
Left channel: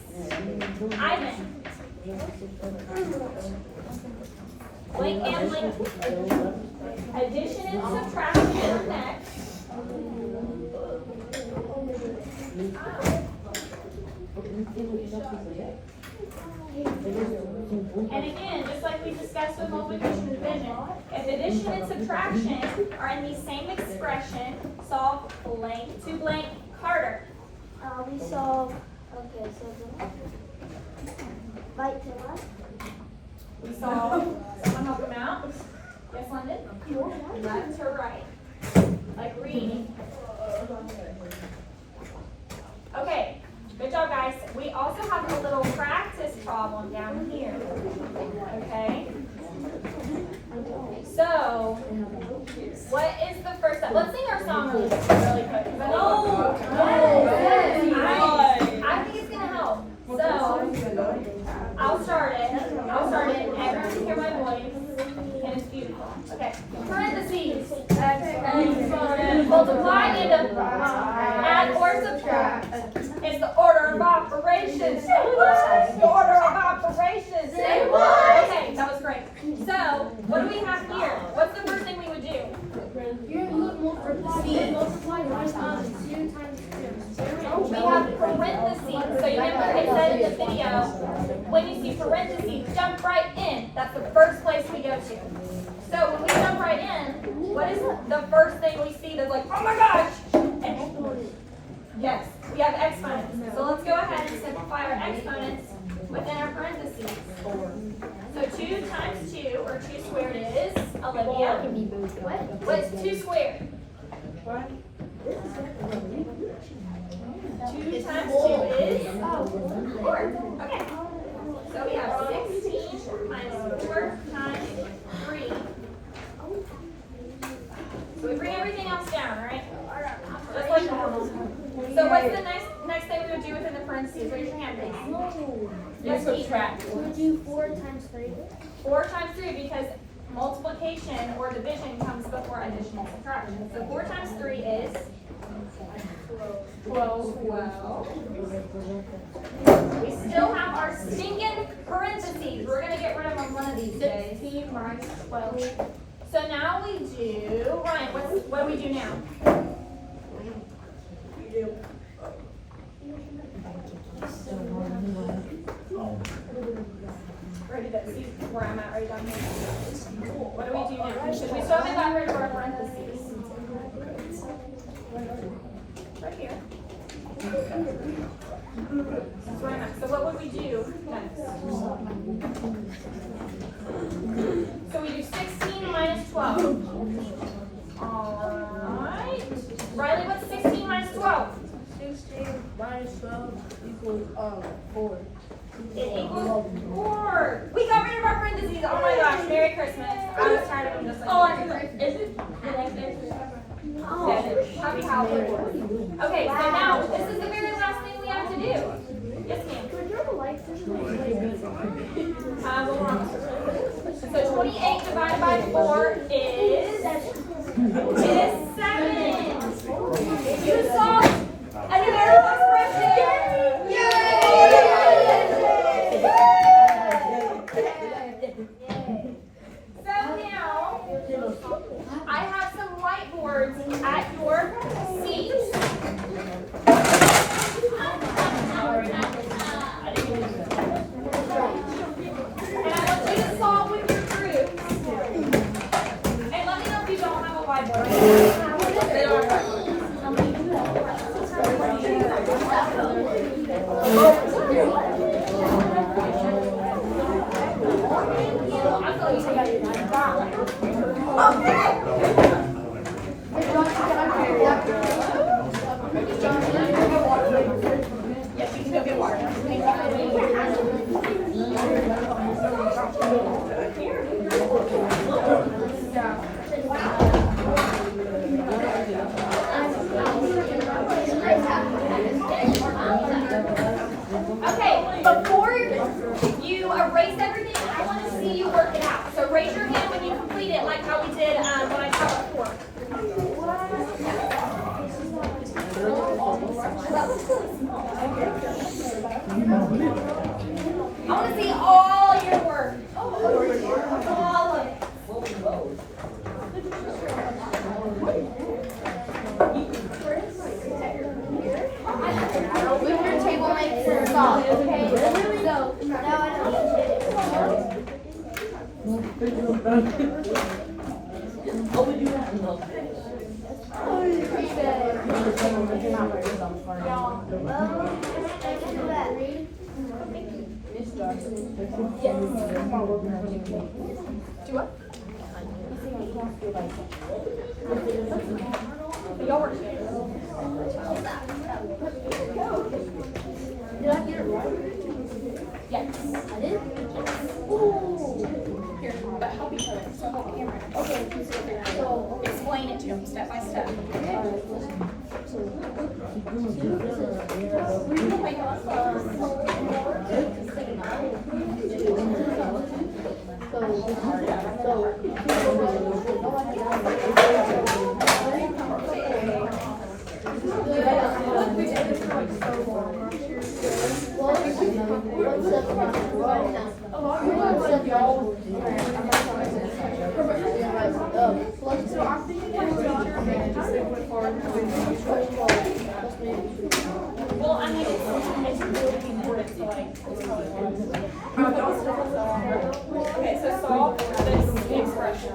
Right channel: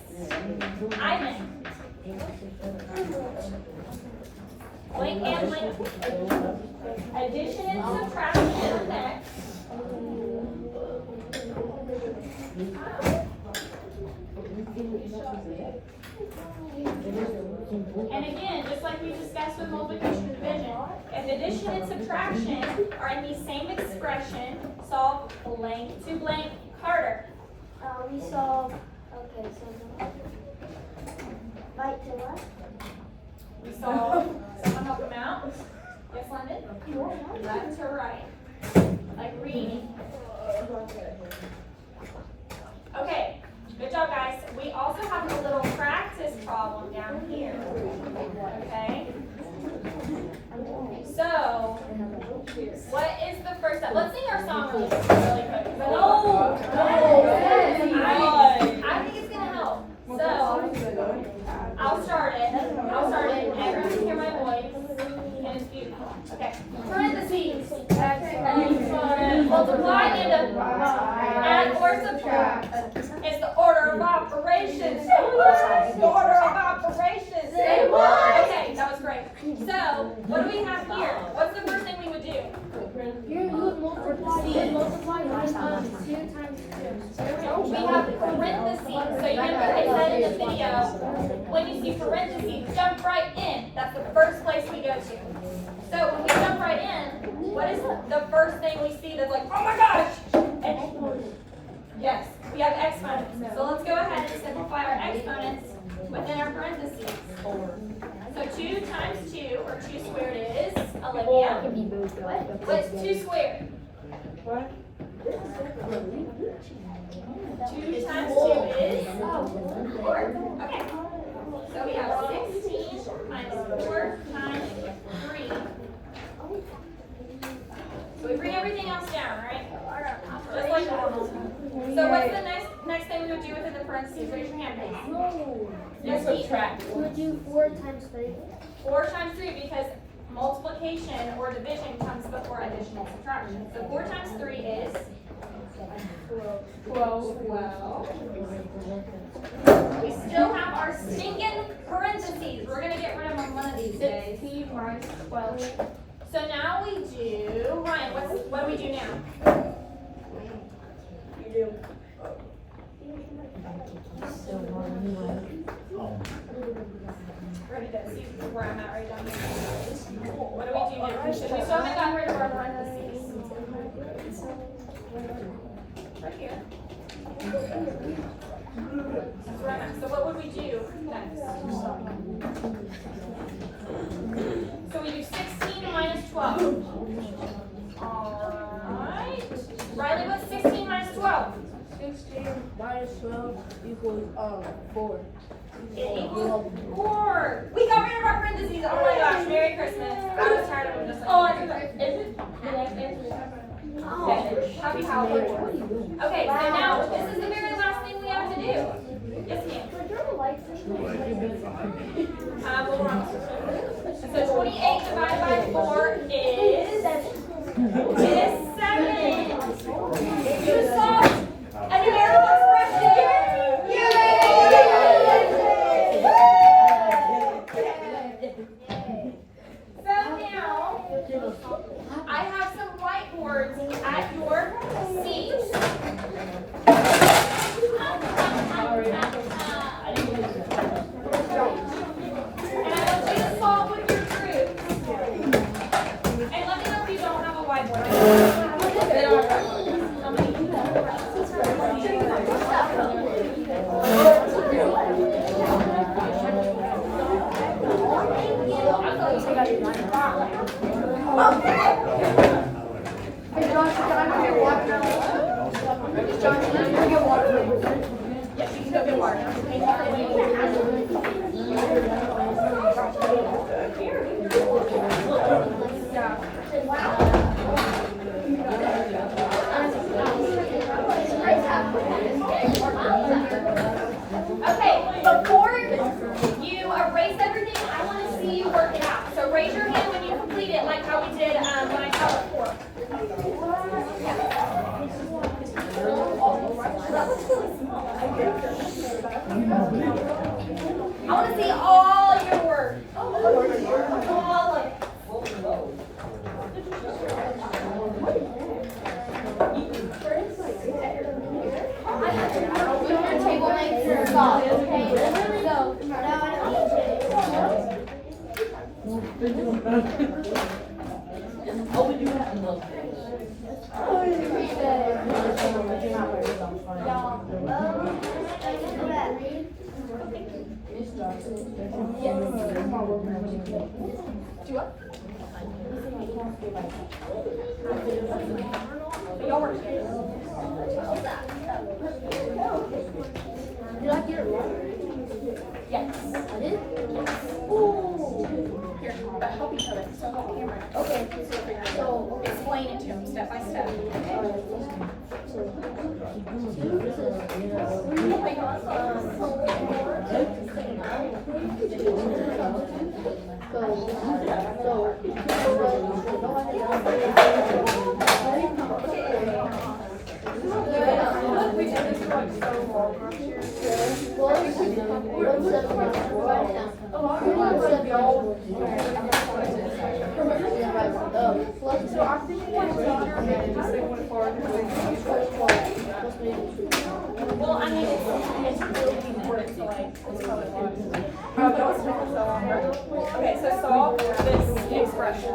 Ivan. Blank and blank. Addition and subtraction come next. And again, just like we discussed with multiplication and division, if addition and subtraction are in the same expression, solve blank to blank. Carter. We solve, okay, so right to left. We solve, someone help them out. Yes, London? Left to right. Like reading. Okay, good job, guys. We also have a little practice problem down here. Okay? So, what is the first step? Let's sing our song really quick. Oh, I think it's gonna help. So, I'll start it. Everyone can hear my voice. And it's beautiful. Okay. Parentheses. Multiply parentheses. We have parentheses, so you remember it said in the video, when you see parentheses, jump right in. That's the first place we go to. So when we jump right in, what is the first thing we see that's like, oh my gosh? Yes, we have exponents. So let's go ahead and simplify our exponents within our parentheses. So 2 times 2, or 2 squared is, Olivia. What's 2 squared? 2 times 2 is 4. Okay. So we have 16 minus 4 times 3. So we bring everything else down, right? Just like normal. So what's the next thing we would do within the parentheses? Raise your hand, please. Just subtract. We would do 4 times 3. 4 times 3 because multiplication or division comes before addition and subtraction. So 4 times 3 is 12. We still have our stinking parentheses. We're going to get rid of them one of these days. 16 minus 12. So now we do, Ryan, what do we do now? Ready to see where I'm at right down here. What do we do now? We still haven't got rid of our parentheses. Right here. That's right. So what would we do next? So we do 16 minus 12. Alright. Riley, what's 16 minus 12? 16 minus 12 equals 4. It equals 4. We got rid of our parentheses. Oh my gosh, Merry Christmas. I was tired of them just like, is it? Yeah, happy Halloween. Okay, so now this is the very last thing we have to do. Yes, ma'am. We're wrong. So 28 divided by 4 is 7. You saw a numerical expression. So now I have some whiteboards at your seats. And I want you to solve with your groups. And let me know if you don't have a whiteboard. Yes, you can go get water. Okay, before you erase everything, I want to see you work it out. So raise your hand when you complete it, like how we did when I taught before. I want to see all your work. All of it. Your table makes her solve, okay? So, now I Do what? Did I get it right? Yes. I did? Ooh. Here, but help each other. So help the camera. Okay, so, Explain it to them step by step. alright, listen. So, 2, this is 3, So I'm thinking like daughter and then just like went forward. Well, I mean, it's really important to like, okay, so solve this expression.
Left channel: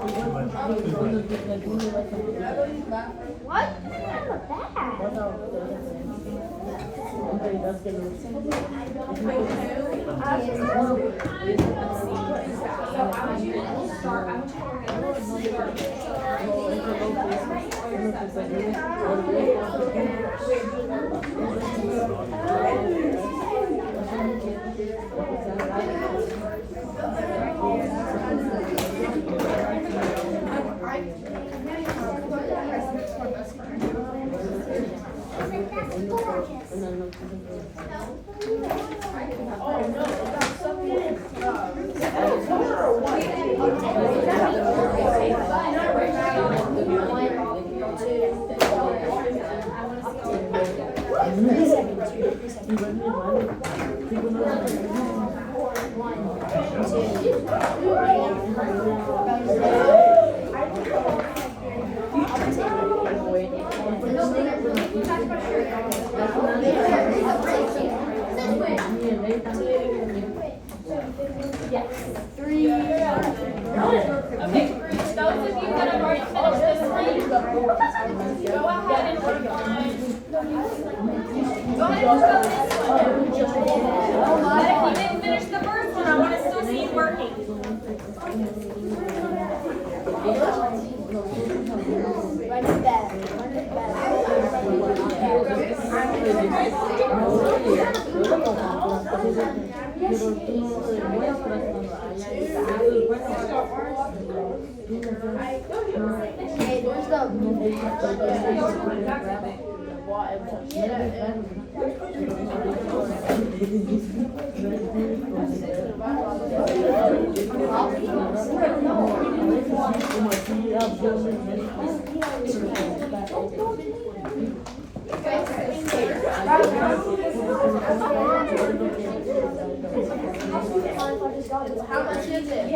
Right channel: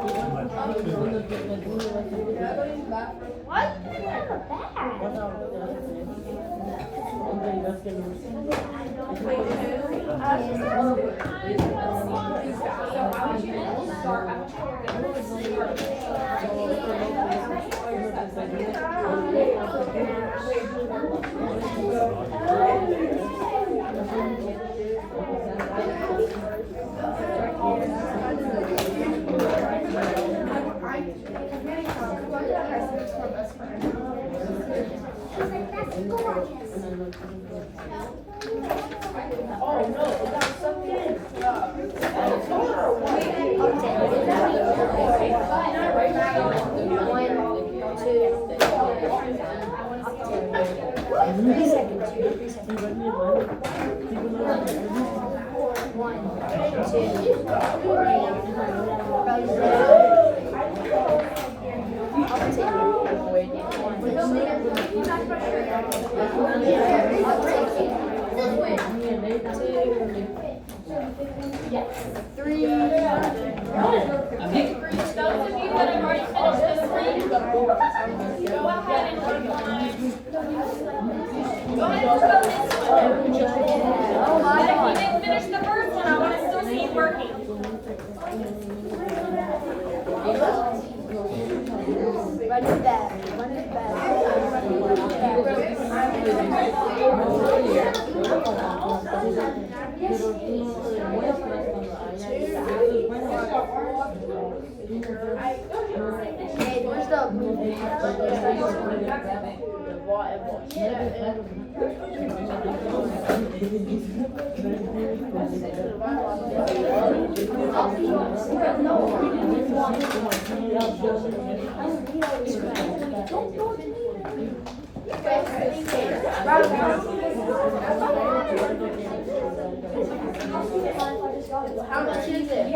How much is it?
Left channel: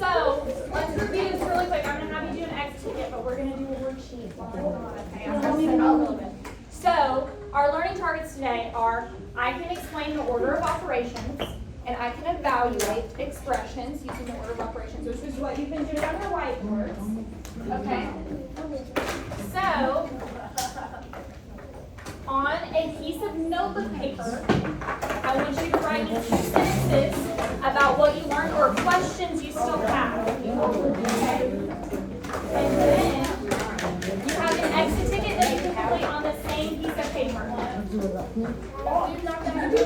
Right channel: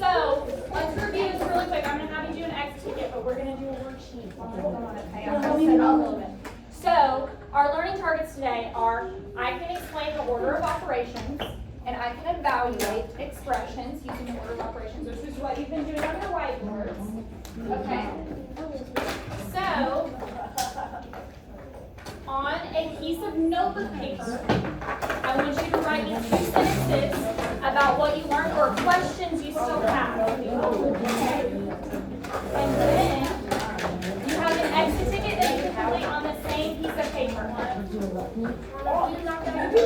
So let's review this really quick. I'm gonna have you do an X ticket, but we're gonna do a worksheet. Okay, I'm gonna set it up a little bit. So our learning targets today are: I can explain the order of operations, and I can evaluate expressions using the order of operations. This is what you've been doing on your whiteboards. Okay. So on a piece of notebook paper, I want you to write 2 sentences about what you learned or questions you still have. Okay? And then you have an exit ticket that you can complete on the same piece of paper. You're not gonna do